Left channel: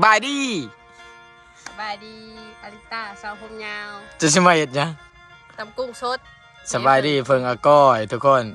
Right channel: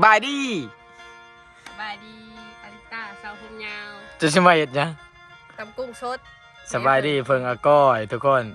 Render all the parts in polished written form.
บายดีสบายดีอาริต้าสาวผมยาวจะสมัยยังตำกุ้งสดสบายดีเพิ่งอาก้อยทุกคน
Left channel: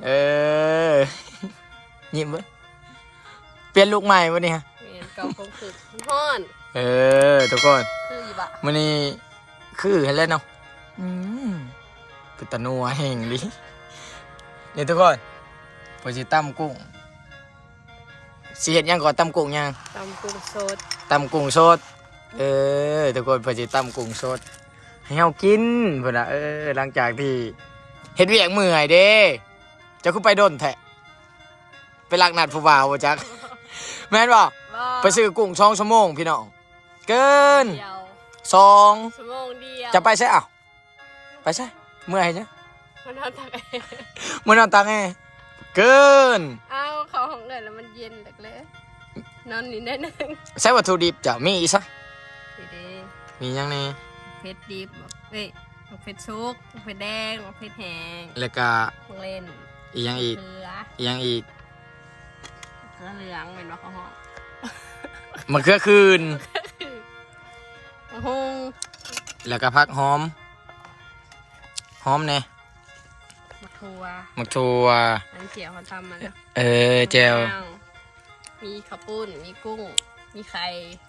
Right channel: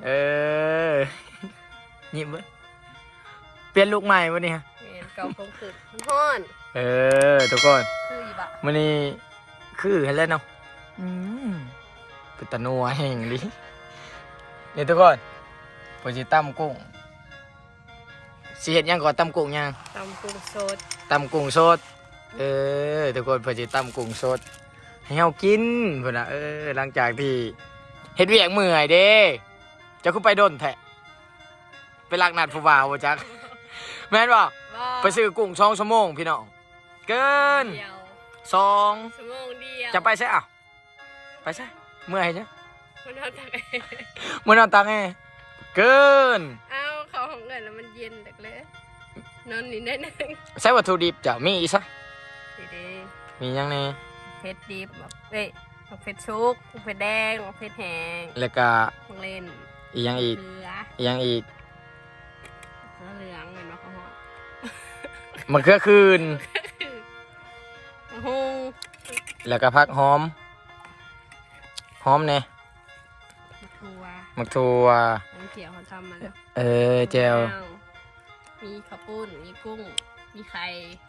ยิ้มเว้ยเปลี่ยนลูกใหม่วันนี้ฮะเมนเก่าคงคือฮ้อนทุกคนคืออีบะวันนี้คือเห็นแล้วเนาะเป็นตะนัวแห่งดินี่ทุกคนพอสิตำกุ้งสิเห็ดยังก่อนตำกุ้งยังตำกุ้งสดตำกุ้งสดทุกคนพอสิตำกุ้งสดให้เฮากินเพิ่นน่ะหลังจากที่เฮ็ดเวียกเมื่อยเด้เจ้าคือไปโดนแท้ไปลักนัดผู้บ่าวบ่จักแม่นบ่ไปซื้อกุ้ง2 ชั่วโมงพี่น้องเกิน2 ชั่วโมงเดียวจะไปใช่อ้าวไปใช่เมื่อยจ้ะมันนอนตักเมื่อนอนตังแอเกินเอาเขาของเงินแล้วมันเย็นแต่เลยนอนนี่ได้นึงใช้วัตถุดิบจ้ะมีอีกซะดีมียังนี่เผ็ดดิบเผ็ดซุกเผ็ดแดงเผ็ดแห้งแล้วก็เล่นอีกยังอีกอีกยังอีกเหลืองเหมือนมะเขาหอมมะเขือคืนมะฮุงแล้วก็ผักหอมเนี่ยมะทัวอันเขียวเขาทำมาแล้วเจลมีข้าวปุ้นมีกุ้งมีไข่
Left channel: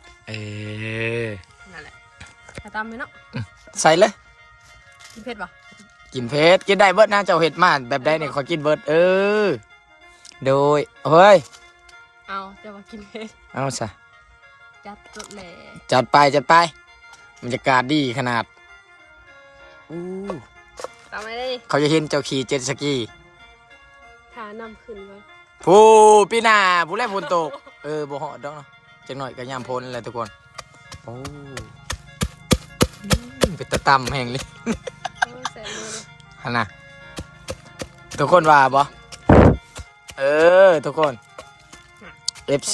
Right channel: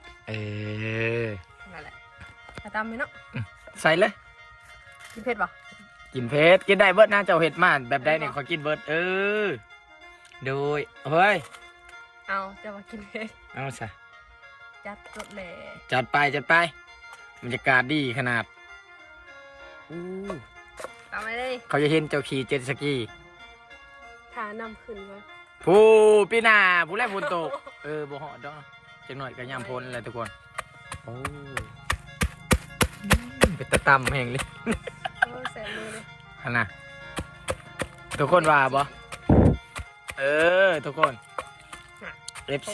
นั่นแหละทำไหมเนาะใส่เลยกินเผ็ดปะกินเผ็ดกินได้เบิร์ดนะเจ้าเห็ดมากแบบได้เนี่ยขอกินเบิร์ดโดยเฮ้ยเอาจะมากินเผ็ดเอาซะจัดรถเลยจัดไปบรรยากาศดีขนาดทำไมเลยเขาจะเห็นเจ้าขี่เจ็ตสกีทานำขึ้นไว้ผู้พี่นาผู้แรกฝนตกบ่เหาะดอกจังหน่อยก็ยามพ้นอะไรทุกคนโอ้เป็นตะตำแห่งเลยฮะนะทุกคนว่าบ่ทุกคน FC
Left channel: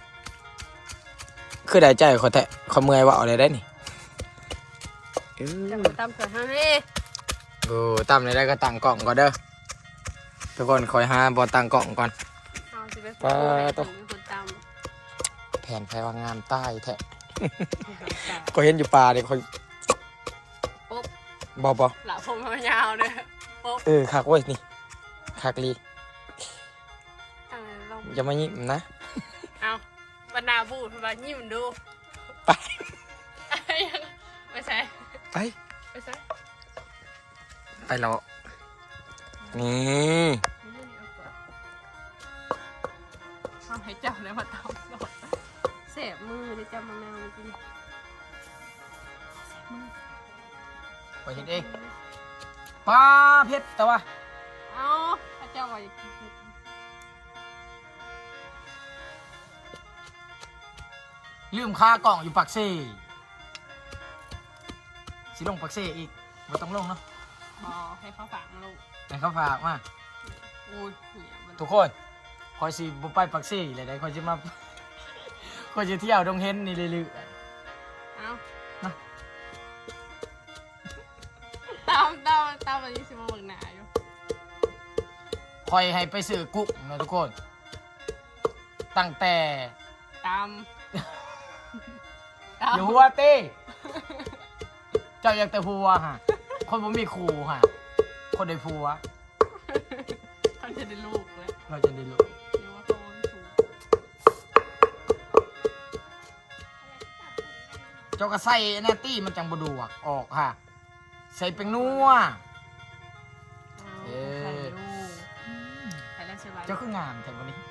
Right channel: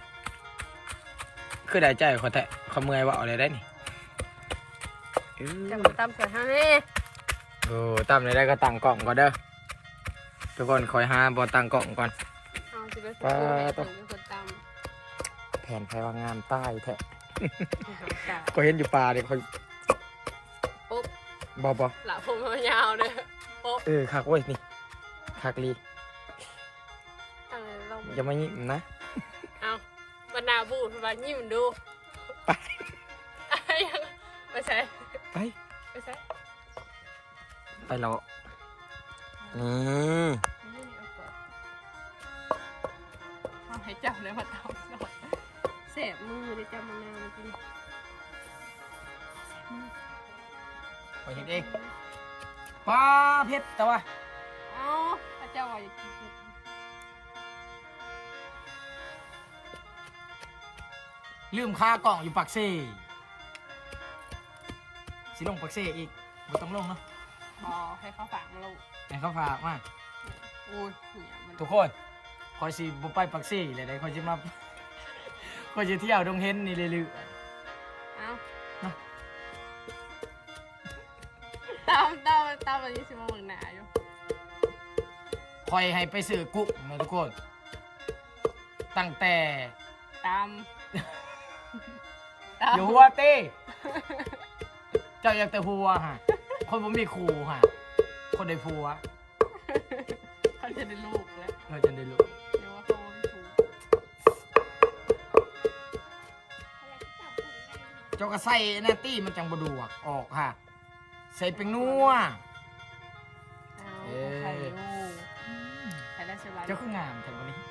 คือได้ใจเขาแทะเขาเมื่อยว่าอะไรได้นี่จะมาตำเกิดให้ตำอะไรได้ก็ตั้งกล่องก่อนเด้อทุกคนคอยหาบอตั้งกล่องก่อนต้องแผ่นไฟว่างามใต้แทะก็เห็นอยู่ป่าเด็กคอยบอหลับผมยาวเลยคักเว้ยนี่คักลีอย่ามายิ้มนะเอาบรรดาบูดมายิ้มดูไปใช่ไปแล้วนี่เอาให้เจ้าเลยมาทำเสพมือเลยจ้ามังนาวจริงไปเห็นเองปลาเพชรแต่ว่าเอาพระเจ้าว่าอย่ากินลืมค่ากล่องอยู่ปักเซ่สิลงปักเซ่อีกไม่ต้องลงเนาะให้เขาฝากมาลูกให้เขาฝากมาทุกคน คอยสิบุไปปักเซ่เลยได้คอยจะมาคอยจะเที่ยวดงเฮนนี่เลยเอาตามวันนี้สิมาเบิ่งหนาอยู่คอยให้ไปซื้อกุ๊กนะทุกคนตั้งแต่ตามอยู่หัวเต้เจ้าอยากแต่ผัวฮะคนผมมีครูฮะคนได้ผัวเขาจะได้ลูกแล้วเราจะได้ลูกเดี๋ยวว่าเขาไม่ถูกเจ้าก็ใส่หน้าตี้มันจังบดวกออกฮะใส่เป็นนัวเจ้าคืองามแต่วันนี้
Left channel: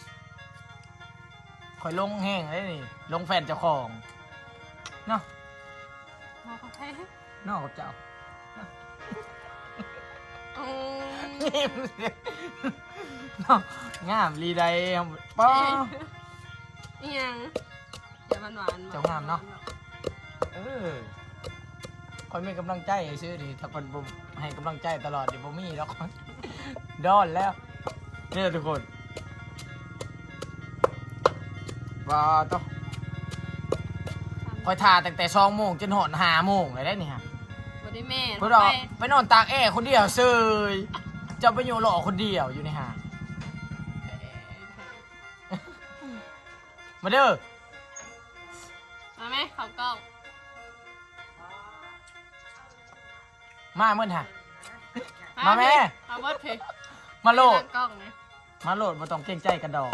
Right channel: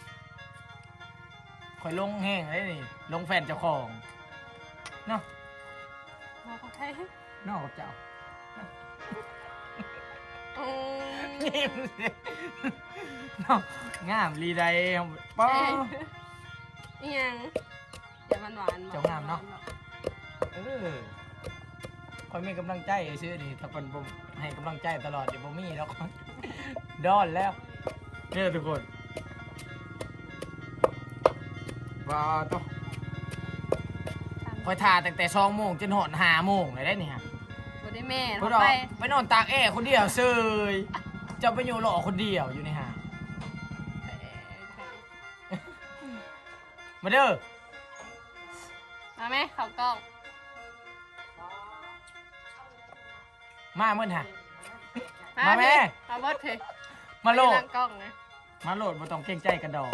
คอยลงแห้งเลยนี่ลงแฟนเจ้าของเนาะนอกกับใครนอกกับเจ้างามลีใดป้อยังอย่ามันหวานเจ้างามเนาะคอยมีกำลังใจซื้อดิถ้าเป็นผมให้กำลังใจตลอดเดี๋ยวผมมีแล้วดอนแล้วเนี่ยทุกคนว้าต้องคอยทาตั้งแต่2 โมงจนหอน5 โมงเลยได้นี่ฮะบ่ได้แม่ไปนอนตากแอร์คนเดียวเซยจะไปอยู่หล่อคนเดียวอยู่ในห้างมาเด้อมาไหมเขากล้องมาเมื่อฮะ มาแม่มาเบิดเพลงมาโหลดกล้องนะมาโหลดมาต้องเกรงใจกันดอก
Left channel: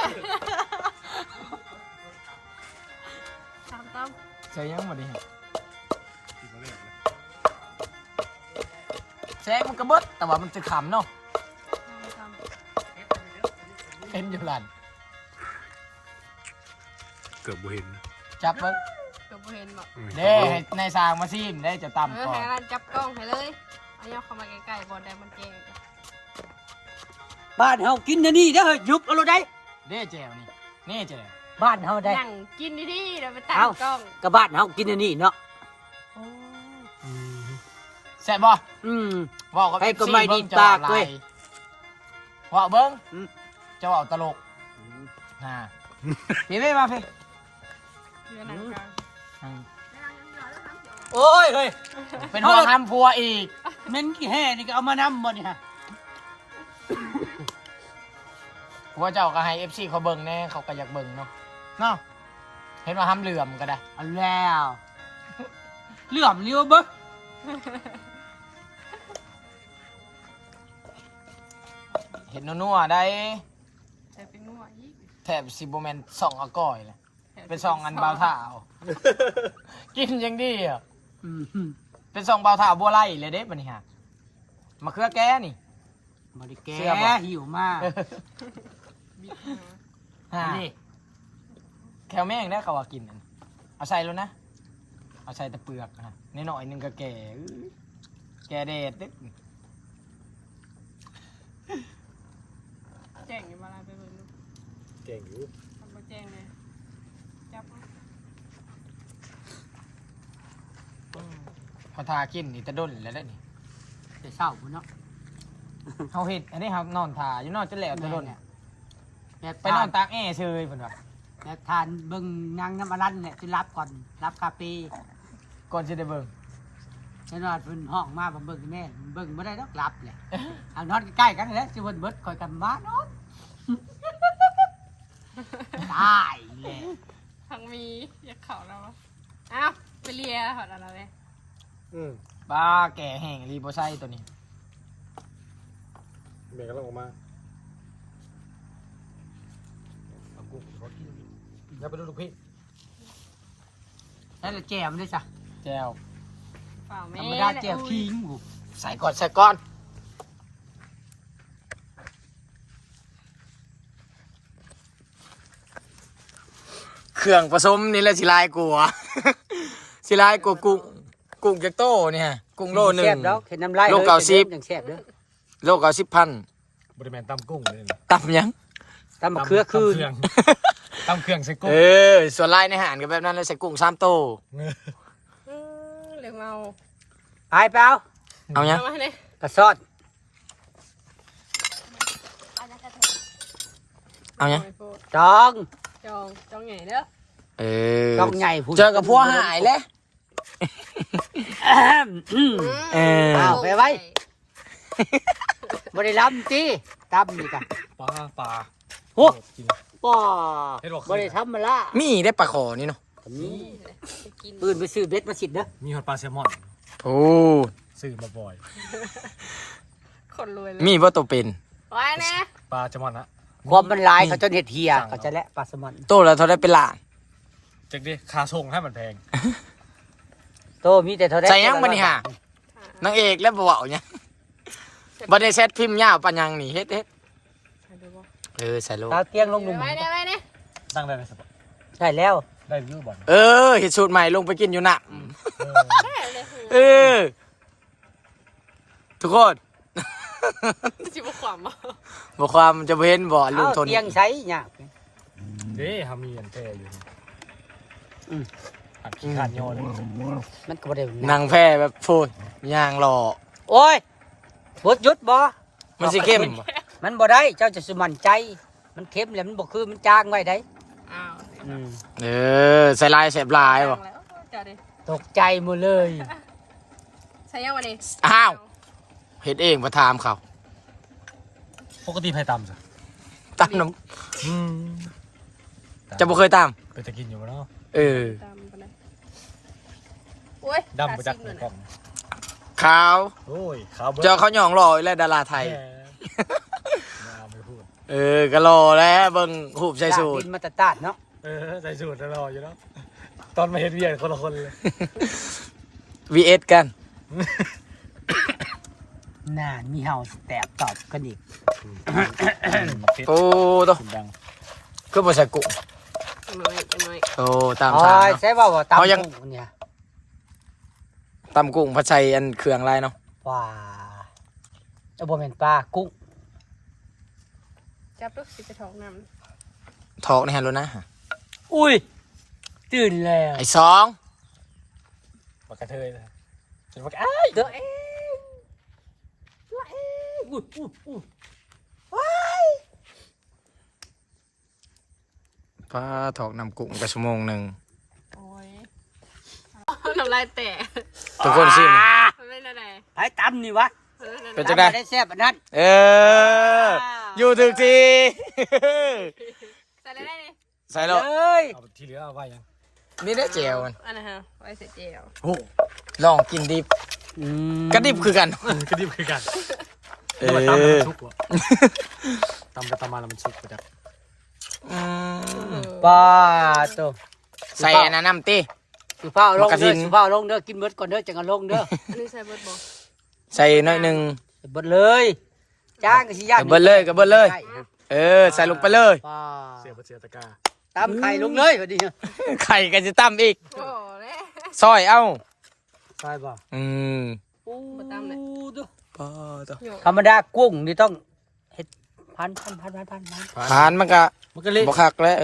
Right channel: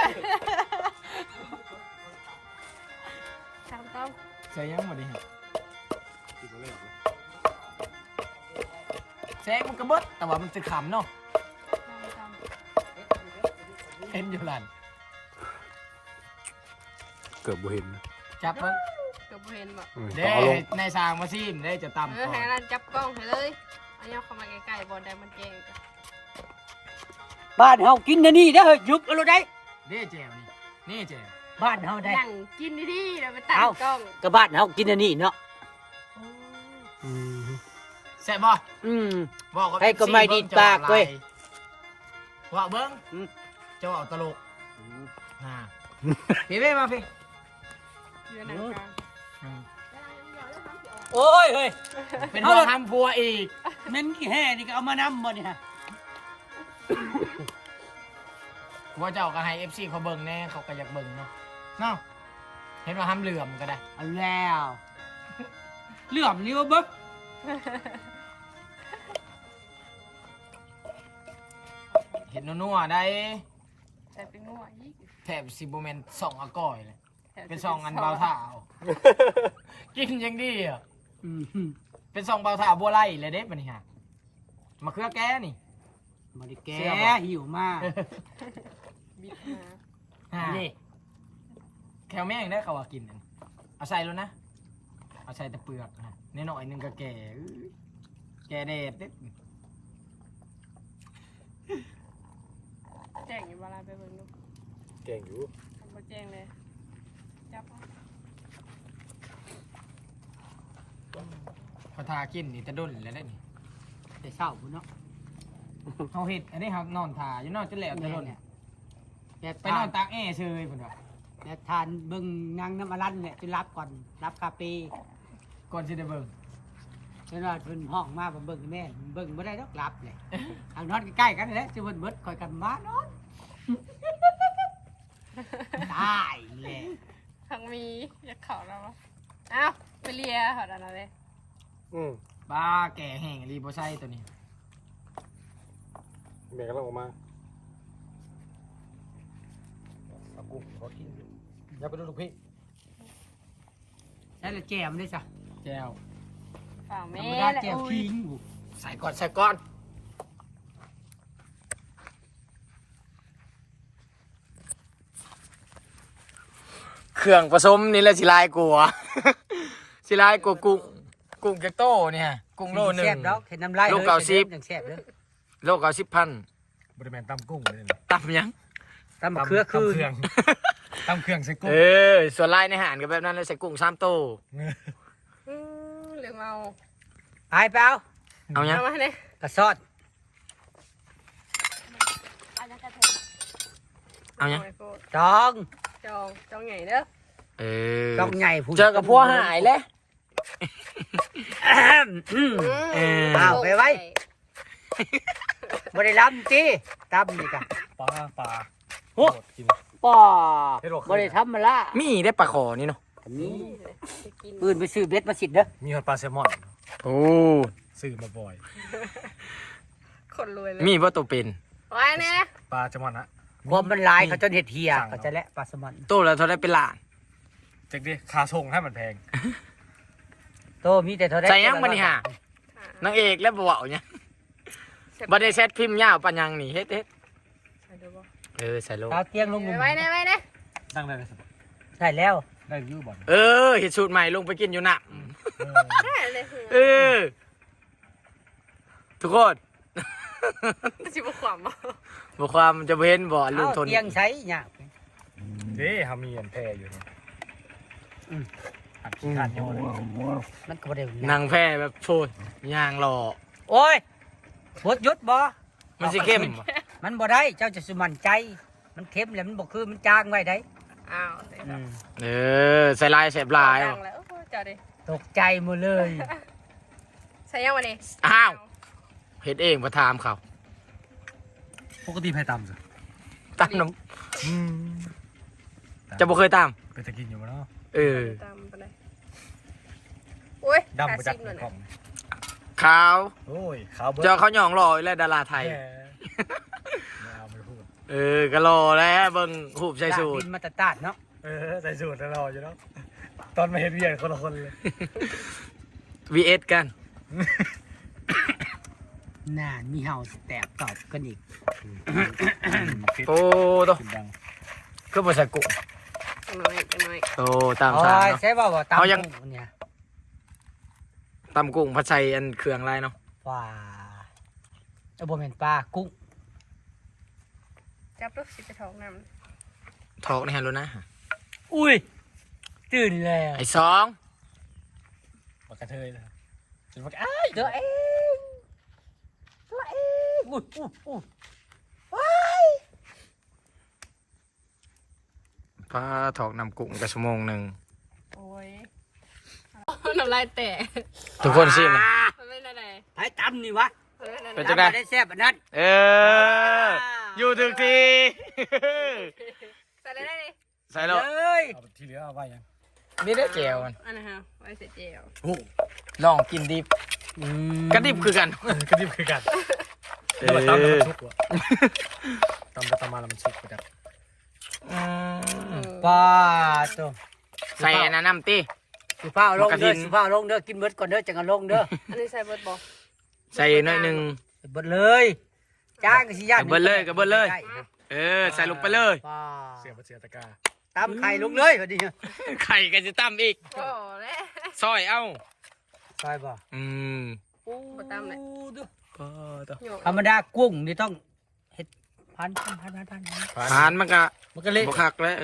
ตามต้องใช่ยังหมดดิฮะแซงมันกระเบิดแต่ว่ามันจะขำเนาะตามเห็นอยู่หลันเกือบบ่เห็นจับมันเกือบบ่เห็นบอกเด้ให้ในสร้างมาซิมได้จะตำก่อให้นร้านจับกล้องไปเลยอันนี้เอาเข้ามาใกล้ๆบอลได้มันแจ้งกันบ้านเฮากินอันนี่เด้อเฮ้ยหยุบเอาเลยได้เด้แจวนี่แจวบ้านเฮาได้นั่งกินดีๆเดี๋ยวไปตั้งเอ้ากล้องก็บ้านเฮากินอันนี้เนาะแซ่บบ่อืมบอกกับให้ก็ไม่ดีปากเว้ยว่าเบิ้งอืมเจ้าเอาตลกฮะพี่ไม่มาพี่เรือหนังกลางอืมโอ้ยเฮ้ยเป็นหัวห้ามพัวอีกแม่นกี่แห่นี่ก็เอามานำบ่นี่ฮะพัวเจ้าก็ให้ FC เขาเบิ่งแน่เขาก็อยากเบิ่งเนาะเนาะเห็นว่าห้ามเหลื่อมก็ได้เอาแล้วเหลื่อมนี่ว่าเบิ่งเห็นนัวๆได้แต่เป็นงัวอีกแถบซิโบแมนส่องอาก้อยเลยแถวเป็นซองอันเบาเท้า กินยังดีอ่ะอืมเป็นซองเบาเท้าบัวไล่เลยเด้ปะนี่ฮะมะเขือแก้นี่บ่ได้แกเชื่อบ่หิวมาบิดหาฮะนี่แคลแม่งได้เขาว่ากินอันเอาใส่แล้วนะเอาใส่แต่เปลือกฮะนหน่อยๆหนึงก็แก่อื้อแก่เด็ดเด็ดแจ้งอยู่เวลาไปเบิ่งดูเก่งอยู่ทำบ่แจ้งเลยจับเอาเขาทากินนี่ตะด้นแล้วได้นี่แต่เช้าพุ่นเนาะเขาเห็ดอันนี้ครับนอนทาอยู่นอนจนแล้วตะด้นแม่แบบไปนอนตากแอร์เชยเพิ่นว่าแบบทานเบิ่งนางน้ำอรันเนี่ยจะรับก่อนรับคาเฟ่ก่อนสิได้เบิ่งฉันว่าเพิ่นห้องมาผมเบิ่งแม่เบิ่งบ่ได้ดอกรับแหละเอานอนใกล้ๆกันนี่แหละสิเพิ่นเบิดคอยกันมานอนตายแหละทั้งมีอยากเข่าแล้ววะอ้าวไปเลียหอดอะไรเลยปลาแก่แห้งรีโบไซตัวนี้แม่กำลังออกมาเอากุ้งเขากินอยู่อย่าไปดูลูกพี่แล้วแจ่มด้วยจ้ะแจวฝ่าธแม่รรมดาเนี่ยแจ่วอุ้ยทิ้งหูใส่ก่อนใส่ก่อนเครื่องผสมนี่แหละสิลายกลัว สิลายกลัวกุ้งจะโตเนี่ยกุ้งโลหนึ่งแซ่บแล้วเห็นน้ำลายโลเก้าสิบอย่างแซ่บเด้อโล90,000 บริแมนตำกุ้งเลยนะตำยังตำเครือคือตำเครื่องตำเครื่องใส่กุ้งส่วนลายในอาหารก็แบบนั้นเลยใส่กุ้ง3โตเหลืองเมาหายไปเอาเอายังเอามาเลยกระซอดเอายังจองจองไงเด้อจองใหญ่ผู้เจอกับพวกหายเลยอืม อ้าว ไปไว้ บ่ได้ล้ำตีตำนี่กะปลาโอ้โคตรกินป่อให้ดอกบ่ได้ทำมันละมีได้ปลาขอนี่เนาะนี่ไปกินปืนไปซื้อเบ็ดมาสิเด้อมีหอดปลาแซลมอนโอ้ซื้อมาบ่อยคนรวยเลยมีว่าตัวเป็นไว้นะปลาแซลมอนนะความมันหลายเขาจนเห็ดเหียสั่งเอาเขาจะและปลาสมันโตแล้วเท่าได้เป็นล้านจักดิค่าส่งให้มันแพงโตมีแต่เท่าได้ใส่ยังบัดนี่ฮะนางเอกแล้วบ่เว้าหยังบ่ได้เซตพิมพ์ยาวปานยังนี่เฮ็ดดูบ่ใส่โลตาเตียงลงหลุมไว้นะไว้นะตั้งได้ไหมสปอได้แล้วได้อยูบ่อนเฮ็ดสูตรใหม่ลงไปกินอยู่น่ะแค่เลยทุกคนจิบขวามอ่ะบ่ความจะบ่เห็นบ่ลุงทนเตียงใช้เนี่ยเด้ฮามีอันแพรอยู่เนี่ยอืมอัดขี้ขาดโยนมันก็บ่ได้นางแพ้แบบโฟยย่างหล่อโอ้ยบดหยุดบ่มันสิเข้มบ่มันบ่ได้เจ้าจะสมันใจ มันเค็มแล้วมันบ่คือมันจางไว้ได้อ้าวใส่ลายแสบลายบ่แล้วจ้าดิตกใจหมดเลยใส่ยังวันนี้อ้าวเฮ็ดเองบ่ถามเขาปกติไผ่ตำสิตามน้ำจะบ่เคยตามไปจะกินอยู่บ่เนาะเออตามไปเลยโอ้ยดำไปจักขาในซิมกล่องขาวโอ้ยขาวเบิดเจอเขาหยองหล่ออีกแล้วดาราไทยแหมไม่เอามาพูดเออก็หล่อแล้วเบิ่งหูบใส่สูทดินมาตาดเนาะใส่สูตรรออยู่แล้วตอนมาเห็นเวียนคนละคนเลย VS กันน่ามีเห่าแตบตอบกันอีกโอ้ตัวสุดดังก็บ่ใส่กุ้งจะน้อยจะน้อยโอ้ตามสางโอ้ยเนาะใช่ว่าตามเขายังกุ้เนี่ยตำกุ้งผัดใส่อันเครื่องอะไรเนาะว้าเอาบ่แม่นปลากุ้งจับลูกสิไปท้องน้ทอกในฮันโลนะอุ้ยตื่นแล้วไอ้สองปากกระเทยเลยเห็นปากอ้ายตัวเองอุ้ยปลาทอกนำกุ้งกระชั่วโมงหนึ่งำโอ้ยน้ำลายแตกทุกคนชิมมันเป็นอะไรไอ้ตำนี่วะเป็นจังได๋ได้แซ่บอันนั้นเออ อยู่ถึงทีใส่ได้เลยใส่แล้วเอ้ยเอาที่เหลือเอาไว้ยังนี่ได้เจลมันอันนั้นฮะไว้ใส่เจลโอ้ลองกินดิบกระดิบคือกันกระดิบคือกันเอแล้วมาตำแล้วอมันชุกวะตำไปตำมาแล้วมันชุกไปจักปลาตัวใส่อันนั้นน้ำตีสุภาพลงมากระทิเด้อน สุภาพลงเด้อกินเบิดก่อนเด้อจังกันลงเด้ออันนี้ใส่เบิร์ดบอกใส่หน่อยหนึ่งเบิดเลยจ้างก็สิยากเบิดเลยก็เบิดเลย เออ ใส่ลงไปเลยปลาเสียบเสียตะกร้าตำไข่ลงเลยพอดีไข่ก็จะตั้มอีกโอ้แม่ซอยเอ้าใช่ป่ะอืมมาตามเลยปลาตัวโยกธรรมดากุ้งนี่ต้องเฮ็ดพันทานมันก็มันก็เละบกคักแล้ว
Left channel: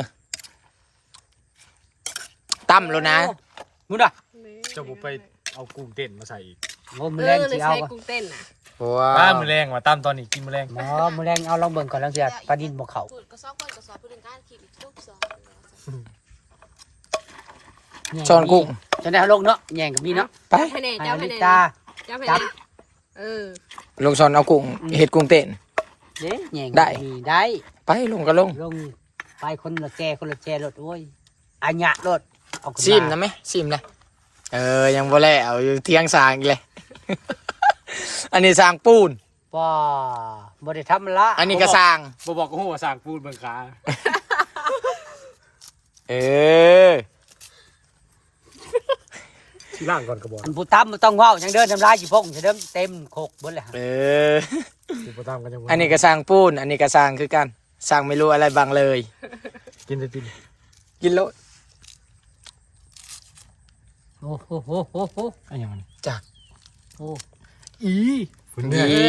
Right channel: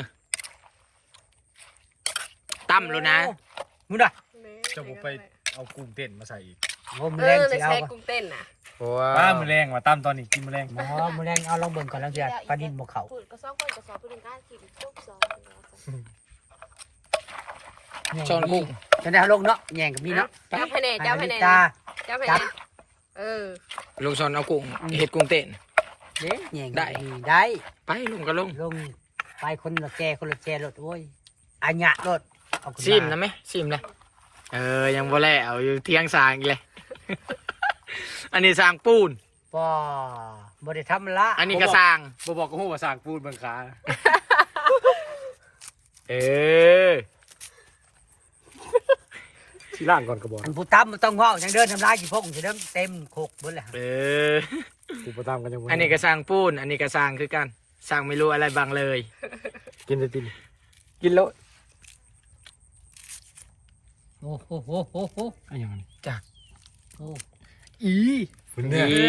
ตั้มแล้วนะมุดอ่ะจะบุไปเอากุ้งเต้นมาใส่อีกโอ้มืเออแรอง เลยสิเอาใช้ป่ะกุ้งเต้นน่ะว้าป้าว มือแรงว่ะตำตอนนี้กินมือแรงอ๋อมือแรงเอาลองเบิ่งก่อนแล้วเสียปลาดินบ่เขาพูดก็ซ้อมก่อนก็ซ้อมพูดถึงการขีดทุกซ้อมช้อนกุ้งจะได้เอาลงเนาะแย่งกับนี่เนาะจับให้แน่จับให้แน่ตาจับให้จัแน่บเออลงช้อนเอากุ้งเห็ดกุ้งเต้นเด้แย่งได้นี่ได้ไปลงก็ลงลงไปคนละแจคนละแจรถโอ้ยอัญญะรถเอาขึ้ซิมนะไหมซิมนะเออยังบ่แล้วอยู่เที่ยงสางอีกเลย อันนี้สางปูนป้าบ่ได้ทำละอันนี้ก็สางบ่บอกก็หัวสร้างปูนเบิ่งขาเออที่ล่างก่อนก็บอกอันผู้ตำมันต้องเว้าจังเดินทำลายสิพงจะเดิมเต็มโคกเบิดแล้วเออที่บ่ตามกันยังอันนี้ก็สางปูน อันนี้ก็สางคือกันสางไม่รู้อะไรบางเลยกินได้ตินกินโลดโอ้โหโหโหโหอันยังมันจากโอ้อีฝุ่นเนี่ยอี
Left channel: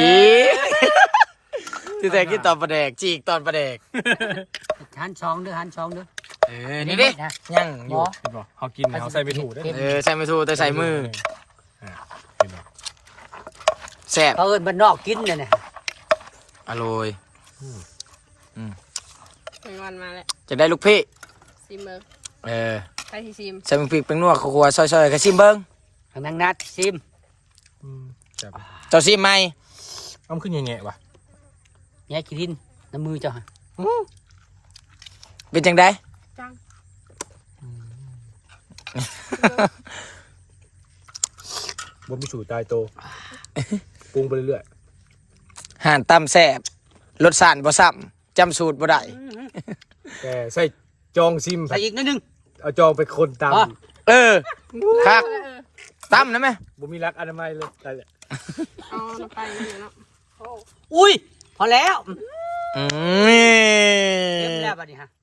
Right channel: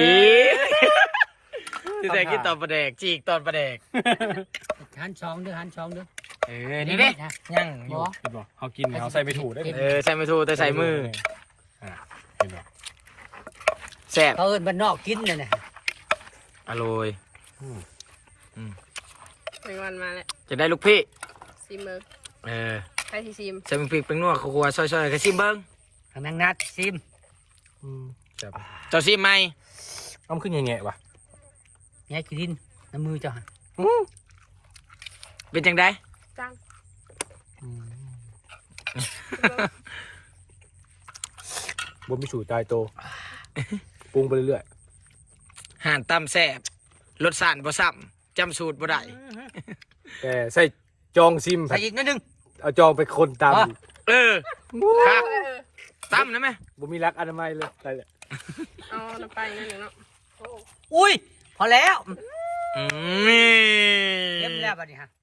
ที่แต่กินตอนประแดกจีกตอนประแดกหันช่องเด้อหันช่องเด้อเออ นี่เด้ยังอยู่เห็นบ่เฮากินเนี่ยเฮาใส่ไม่ถูกได้เออ ใส่ไม่ถูกแต่ใส่มือเห็นบ่แซ่บเขาเอิ้นบ้านนอกกินเนี่ยนะอร่อยมีวันมาแล้วจะได้ลูกพี่ซิมเมอร์เออใครที่ซิมใส่มึงพริกเป็นนัวครัวๆซอยๆกระซิมเบิ้งให้นางนัดซิมแซ่บเจ้าซิมไหมอ้ำขึ้นแง่ๆว่ะแย่กินน้ำมือเจ้าฮะเป็นจังไดจังบ่มีสูตรตายโตปรุงไปเรื่อยห่านตำแซ่บรสชาติบ่ซ้ำจำสูตรบ่ได้ๆแต่ใส่จองซิมใส่อีกนิดนึงเอาจองไปคนตามอ๋อเออครับเออตำนะแม่บ่มีรักอนามัยเลยแต่แหละเอาน้ำไปนั่นเนาะอุ้ยพอแล้วอืเต็มมแล้วบัดนี้ฮะ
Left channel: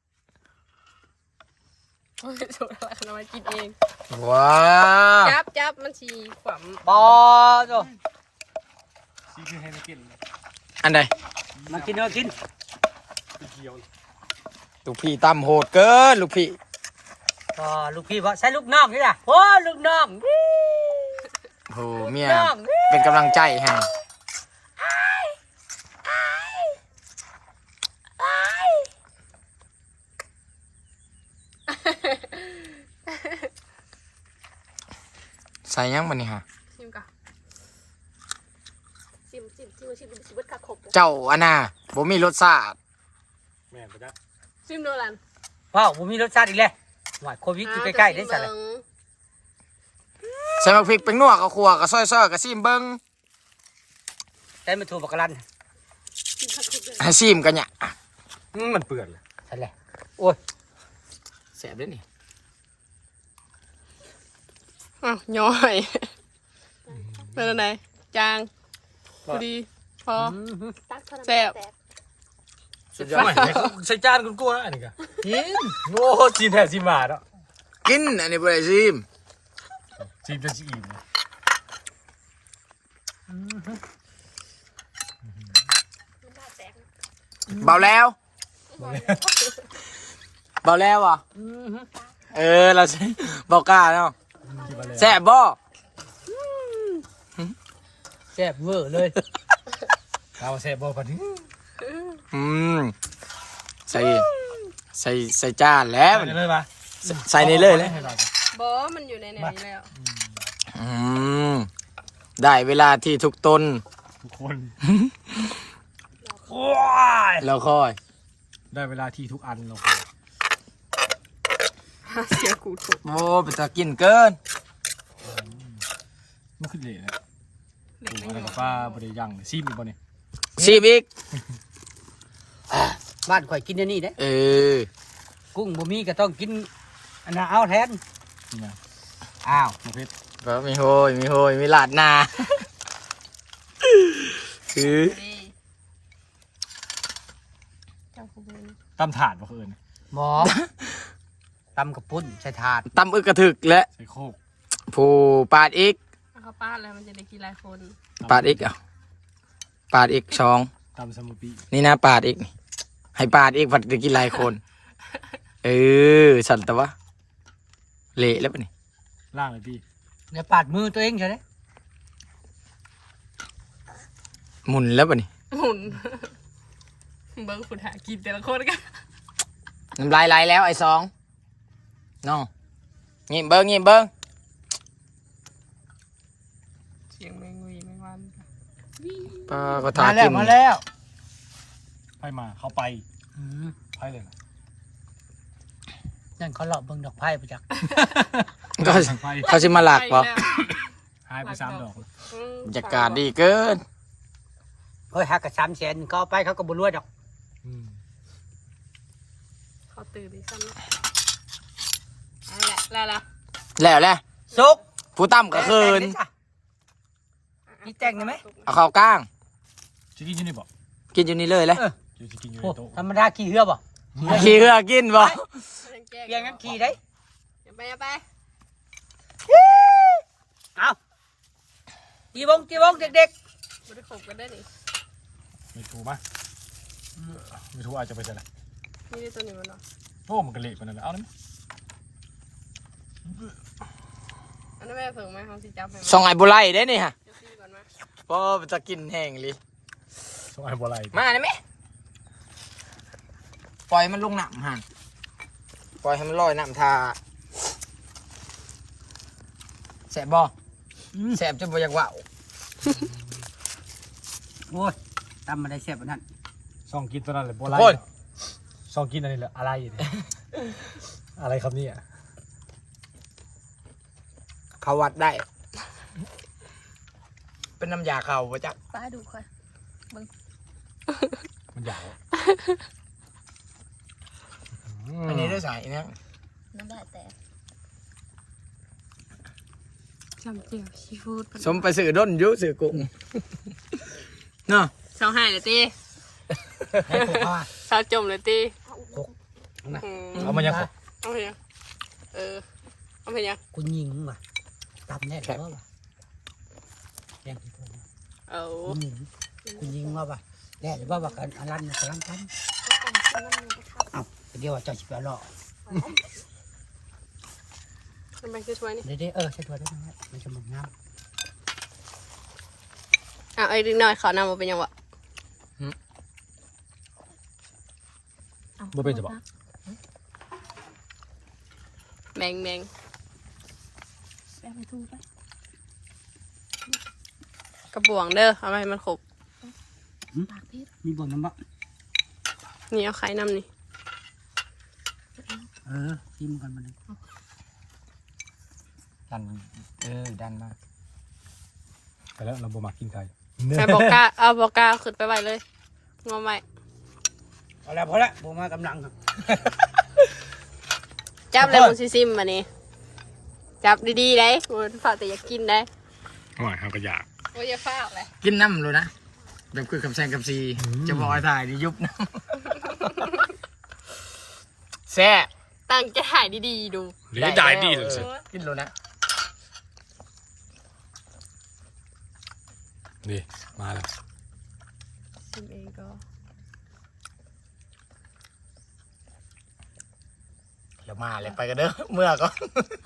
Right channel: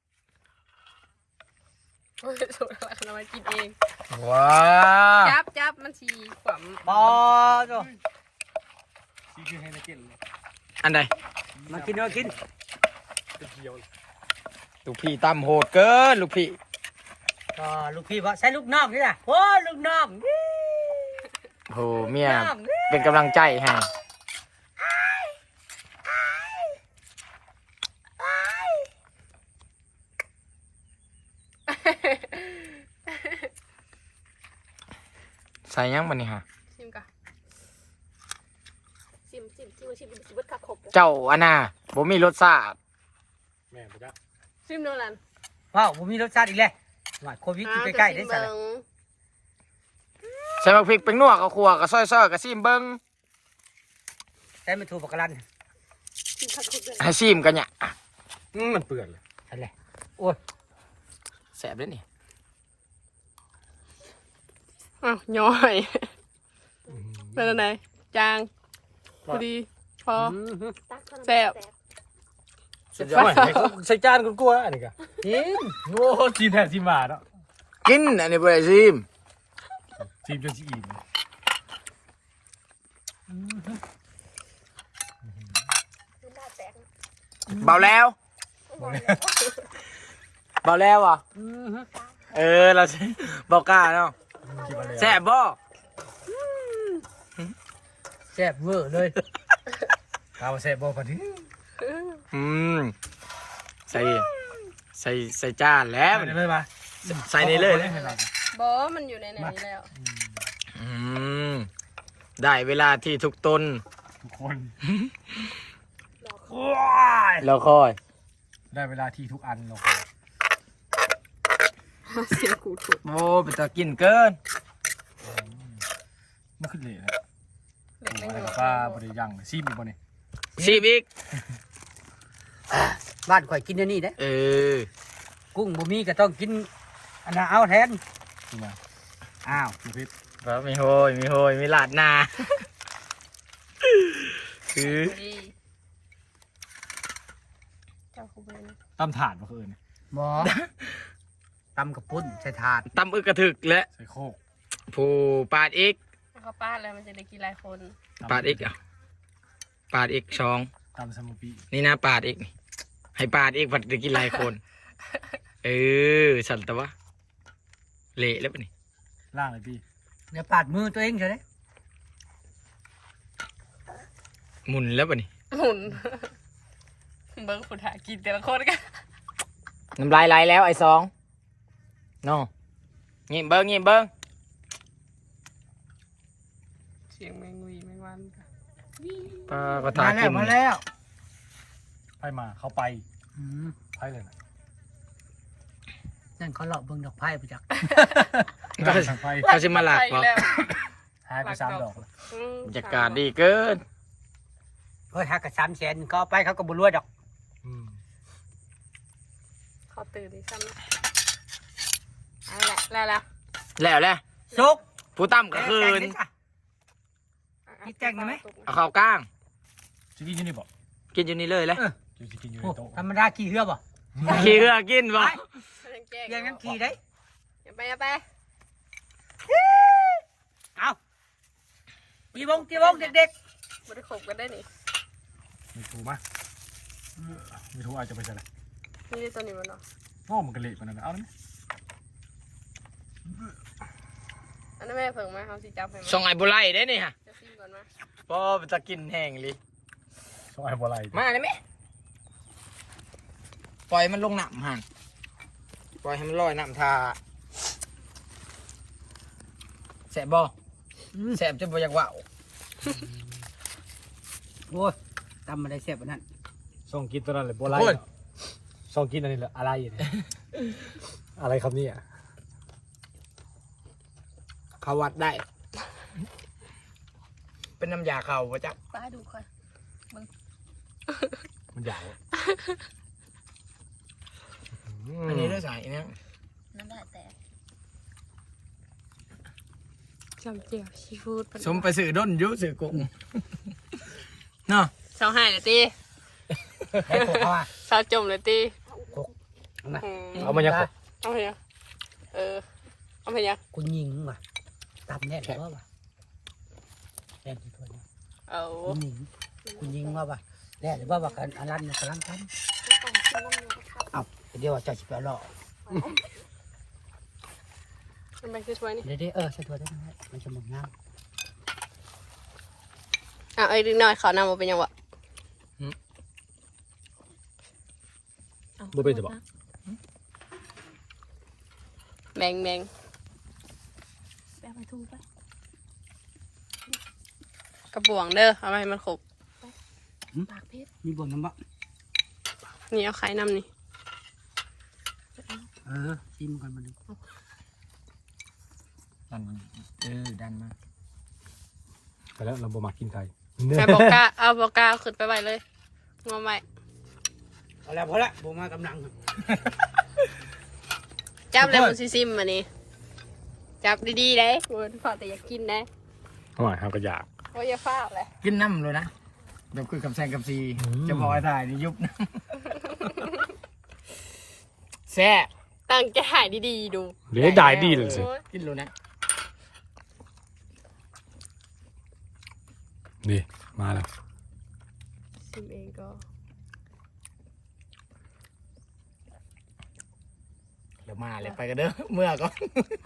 โอ้ยสูตรอะไรเรามากินเองว้าจับมันชีขวามบอโจ้ซีคือให้นักกินอันใดมากินเอากินเป็นเกียวลูกพี่ตำโหดเกินลูกพี่ก็ลูกพี่บอกใส่ลูกน้องนี่ล่ะโอ้ยลูกน้องโหเมียเป็นกำลังใจให้ใส่ยังมันนี่ฮะชิมก่อนชิมเบิดขาขบเจ้าอันน่ะบ่มีรสชาติแม่นบ่จ๊ะชิมดูลันว้าวผมมีรสชาติอีกแล้วว่าโควิดอยู่ใกล้ๆได้สั่นแหละใส่บักพริกเป็นนัวกับขัวกับซอยๆกับซีมเบิ้งแต่ไม่ถูกปากกะลันให้ซีมกันเนี่ยมันเปื่อนเลยนั่นแหละโอ้ยแสบด้วยนี่อ้าวย่อยเป็นอะไรจางพอดีพอ แซ่บสุดยอดใส่จานกลัวๆอันนี้กะกินโง่จีนแท้จีมาเนาะกินอันนี้บ่ได้ซีมจีนจะจีนเบาแล้วเบาแล้วอ่ะเราเบากล้าเนาะแซ่บบ่แซ่บเวอร์เลยเอาแซ่บบ่ปะนี่อืมใส่จานแล้วใส่เลยปะใส่ในเลยเลยบอมันอยู่ในไหนแล้วอืมได้เวลาที่ทุกตนทุกคนแล้วค่อยได้เวลาที่ทุกอันเราเสียกูถูกโอ้ไปตะกินเกินมันขึ้นเลยนะเด็กไม่อะไรอยู่กับป้าบริยังซีมอยู่บ่เนี่ยซีบอีกบ้านข่อยกินเดี๋ยวนี้เด้เออกุ้งบ่มีก็ต้องกินอันนั้นเอาแทนจริงอ่ะอ้าวประเภทก็มีโหยมีลาดหนาคือดีเจ้าคุณเป็นตำถาดบ่คืออื่นหมอตำกระปุ้นใส่ถาดตำอึกกระถึกและใส่โคกผู้ปาดอีกเขาป้าดแล้วมันจะได้กินหลายคนปาดอีกอ่ะปาดอีกช่องตำสมุปีนี่นะปาดอีกนี่ให้ปาดอีกผัดจะกินหลายคน เออสั่นแต่ว่าเละแล้วปะนี่ล่างเลยพี่เดี๋ยวปาดมือตัวเองใช่ไหมหมุนแล้วปะนี่หมุนเบิ้งฝุ่นหากินแต่ละคนกันน้ำลายไหลแล้วไอ้สองน้องงีบเบิ้งเสียงแมงวีแมงวันค่ะปลาก็ทามาแล้กิวน มาแล้วไปมาเขาไปอืมไปเลยนะนั่นเขาหลอกเบิ่งดอกไผ่ไปจากก็ทางไปเขาสิมาหลักปะไปแล้วหายไป3 ดอกแล้วอืมบรรยากาศดีเกินเฮ้ยหักกับ300,000ก็เอาไปเขาก็บ่รวยดอกอืมเขาตื่นดิซ้ำนะเอาแหละแล้วล่ะแล้วแหละสุกผู้ตั้มก็คืนมีแต่งได้ไหมเอาเข้าวกล้างจะกินอยู่นี่บ่กินอยู่นี่เลยเลยจะกินอยู่โอ้ในโต๊ะธรรมดาขี่เรือบ่ขี่เรือกินบ่แกล้เพียงนั้นขี่ได้อย่าไปอย่าไปเอาตีวงเด็กบริขบกันได้นี่ไม่ถูกมั้ยไม่ถูกอาจจะไปใช่ละนี่ได้ตัวนี้มันเนาะโอ้มันกระเละปานนั้นเอาได้ไหมอันนั้นแม่เพิ่งไหมเขาสิจับให้ไหมส่องไอ้บุไลได้นี่ฮะเดี๋ยวซีก่อนมาเพราะมันจะกินแห้งเลยต้องไอ้บัวไหลมาได้ไหมปล่อยมันลงน้ำหันปล่อยให้มันลอยน้ำทาแสบบ่แสบจนบ่อยากว่าวๆโอ้ยตำมาได้แซ่บกว่านั้นส่องกินตัวนั้นเลยบัวไหลส่องกินอันนี้แหละอะไรอย่างเนี้ยอะไรครับเนี่ยเขาวัดได้ เป็นน้ำยาเขาปะจ๊ะไปดูก่อนมันยาวอันนี้ด้วยสายเนี่ยนั่นได้แต่จำเจียวซีฟู้ดสมไปสื่อด้นอยุสื่อกุ้งเนาะสาวหายเลยตีให้พวกเขาอ่ะสาวจมเลยตีเอามันยังเอาไปยังเอาไปยังคุณยิงว่ะตำแน่นแล้วว่ะแน่นที่ตัวนะเอาคุณยิงว่าป่ะแน่หรือว่ากันอลันกำลังทำเอาเดี๋ยวจะสิบล้อทำไมช่วยนี่เดี๋ยวใส่ตัวต้องมันจะหมดน้ไอ้ดึงหน่อยขอนำมาเป็นยังวะบ่เป็นจะบอกแมงกระบวงเด้อเอาไปให้มันขบำมีบ่นน้ำบะนี่เอาไข่น้ำนี่จิ้มก่อนมันดันดันมาไปแล้วเราบ่มากินไข่เอาบอกกล้าเอาบอกกล้าขึ้นไปไว้เลยงอใหม่พอแล้วผมมากำลังจับเลยมันซิมมานี่จับดีๆได้คุณฝากแต่อยากกินได้อร่อยครับก็อยากโอ้ยอย่าฝากเลยกินน้ำเลยนะแบบคือคำแซงคำซีจะพอถ่ายนี่ยุบน้ำแซ่บตั้งใจถ่ายดีๆดูเดี๋ยวได้ดีเลยสิกินเลยนะนี่มาแล้วซิมเองก็เดี๋ยวมาเลยไปกันเด้อเมื่อก็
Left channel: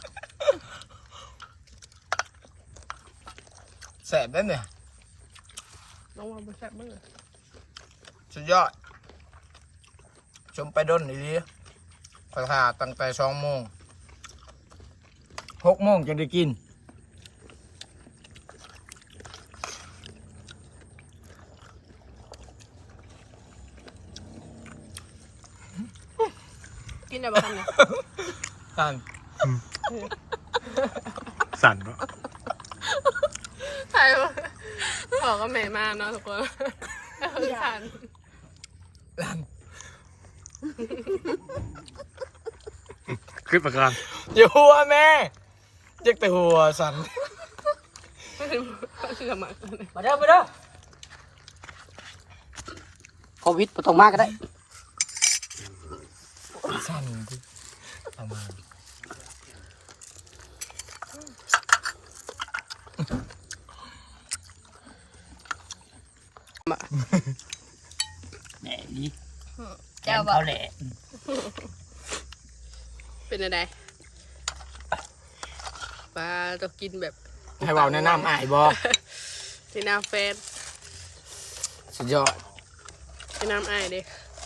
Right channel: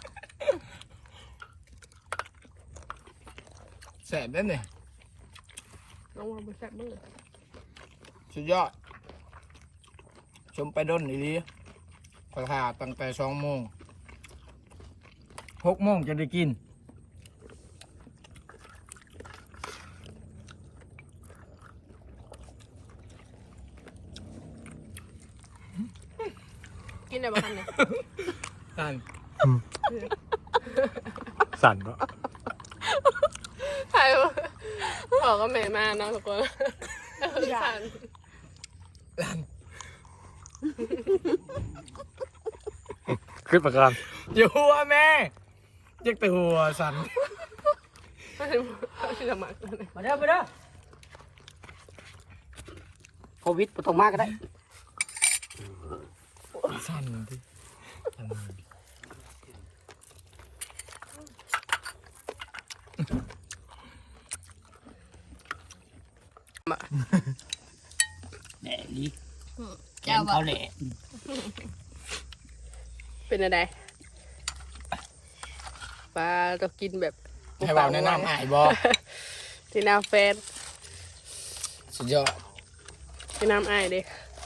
แซ่บนั่นเนี่ยน้องว่าบ่แซ่บมือสุดยอดชมไปด้นดีๆคอยถ่าตั้งแต่2 โมง6 โมงจะได้กินกินได้บ่ทันเนี่ยสั่นสั่นเนาะใช่บอกว่าเมย์มาเนาะทุกคนสั่นคลิปประกันอยู่หัวแม่ยักแต่หัวสั่นสมัครมาเด้อโควิดบ่ต้องมากก็ได้สั่นดิเอามาแหน่ลีแกแก้วมบ่เขาแหละเป็นอะไรปลาต้องกินแบบให้เบาแนะนำอายบอที่น้ำแฟนสุดยอดที่น้ำไอ้ดิ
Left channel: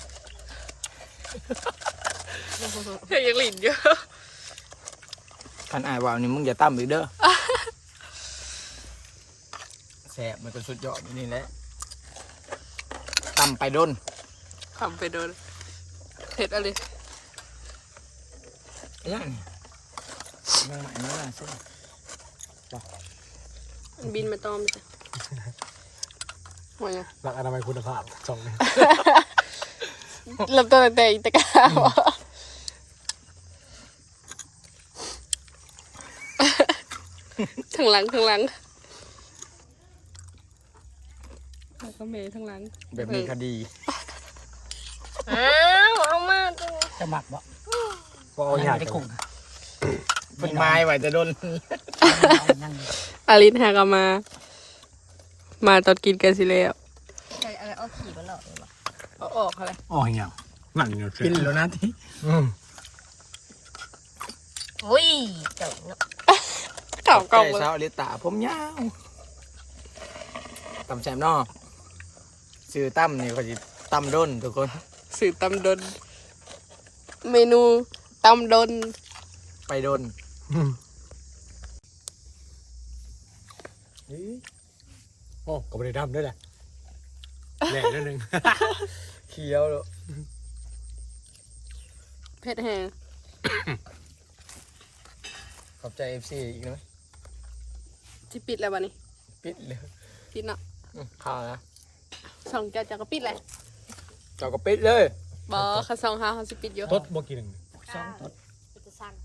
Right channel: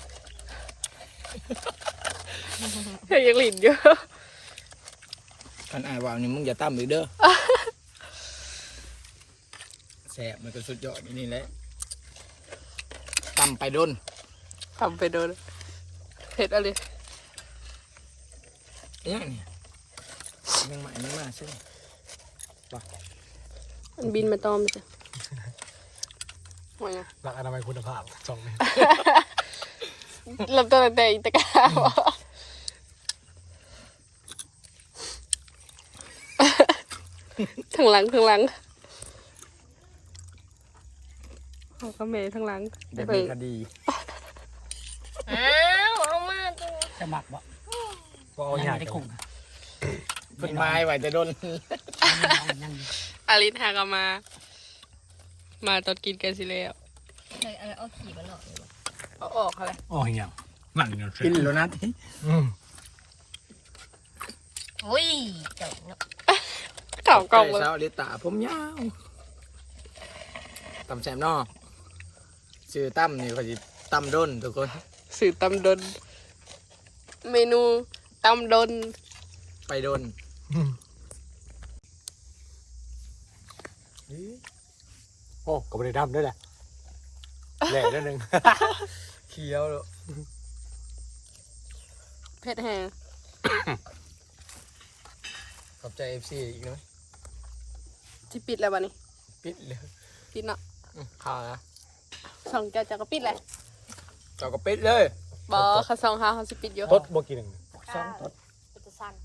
ยังหลินอยู่ท่านอายเบานี่มึงอย่าตั้มอีกเด้อแซ่บมันก็สุดยอดอยู่นี่แหละตั้มไปด้นทำไปโดนเผ็ดอะไรยังนี่ยังใหม่นั่นน่ะใช่มันบินมาตอมจ้ะว่าไงหลักอนามัยคุณภาพสองเริ่มต้นตั้งแต่อิตากาวะทางหลังเอาก็เมย์ทางหลังแบบมีคดีอ้าวเอามาจะหมักบ่ก็เอาอยากได้กุ้งเป็นไม้ไว้แต่ด้นยังอารินหากามาตอนกินกันสิแล้วใช่อะไรเอาขี่มาหลอกเลยวะเอาออกอะไรอ๋อเหี้ยหลังเงี้ยกินแล้วนะที่อุ้ยเจ๋งเนาะเก่ากล่องเลยเช้าลิตาผมยาวตำแซมนอกซื้อตั้มนี่เขาจะตั้มด้นทุกคนสื่อตำดน เมนูตำดนไปด้นโอ้ก็ไม่ได้ดำด้วยแหละแหล่นิดนึงเคี้ยวแล้วเผ็ดแห้งขอบใจ FC อีกนะที่ปิดแล้ววะนี่ปิดเลยปิดเนาะข้าวนะสองเจ้าก็ปิดเลยเจ้าก็ปิดเลยบอค่ะสองห้าเขาสิปิดอยู่ทดบ่กินหนึ่งสองตดมันจะสั่น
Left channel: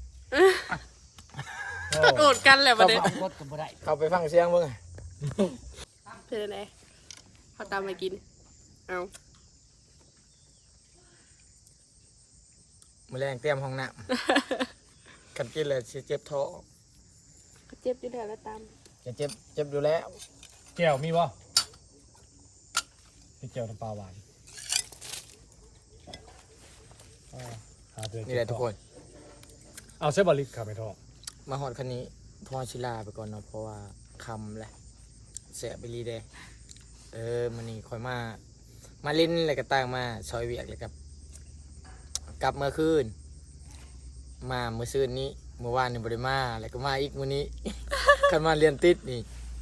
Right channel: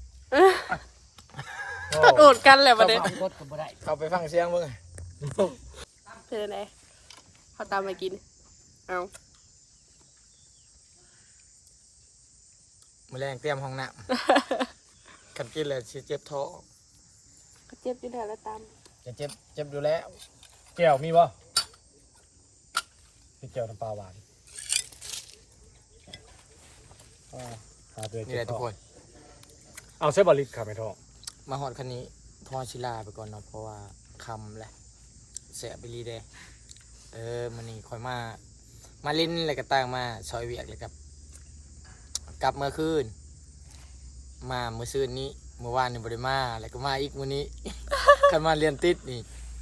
ตดโอดกันแหละวันนี้เอาตดก็บ่ได้เข้าไปฟังเสียงมึงเผ็ดอะไรเขาตามมากิน เอาแมลงเตรียมห้องน้ำกันกินเลยสิเจ็บท้องก็เจ็บอยู่แล้วแล้วตามจะเจ็บอยู่แล้วแก้วมีบ่มีแก้วน้ำปลาหวานนี่แหละทุกคนเอาเส้นบอลลิกค่ะไม่ทอมาหอดคันนี้พอชิลาไปก่อนเนาะเพราะว่าคำแหละเสียไปรีเดมันนี่คอยมาลิ้นอะไรก็ต่างมาซอยเวียกเลยครับกลับเมื่อคืนมาเมื่อคืนนี้เมื่อวานนี่บริมาแล้วก็มาอีกมื้อนี้ คันมาเรียนติดนี่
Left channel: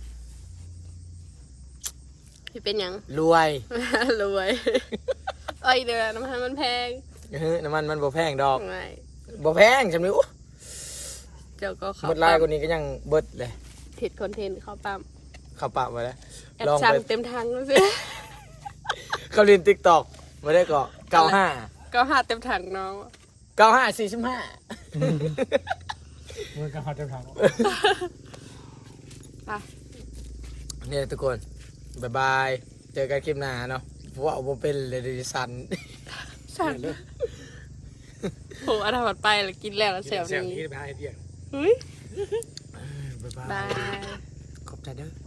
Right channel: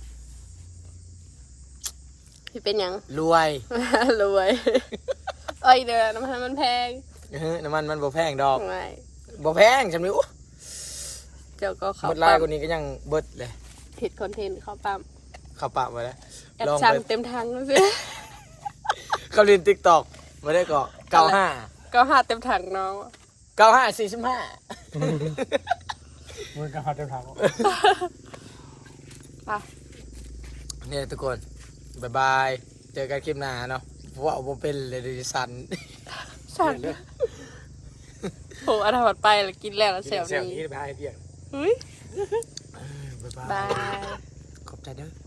พี่เป็นหยังรวยรวยเอ้ยเดี๋ยวน้ำมันมันแพงน้ำมันบ่แพงดอกไม่บ่แพงจำนี้โอ้เจ้าก็เขาเบิดลายกว่านี้ก็ยังเบิดเลยเห็ดคอนเทนต์เขาปั๊มเข้าปากไว้แล้วแอบลองสั่งไปเต็มทางแล้วสิเขาเรียน TikTok ไม่ได้เกาะ95 ก็หาเต็มถังน้อง 95 45 มึงก็หาเจ้าทางอ่ะเนี่ยทุกคนบ๊ายบายเจอกันคลิปหน้าเนาะว่าบ่เป็นเลยดิสันสั่งโหอันถัดไปแล้วกินแล้วแล้วแซวเสียงนี้ที่ไปหาไอเดียเฮ้ยบ๊ายบาบาย ยขอบใจเด้อ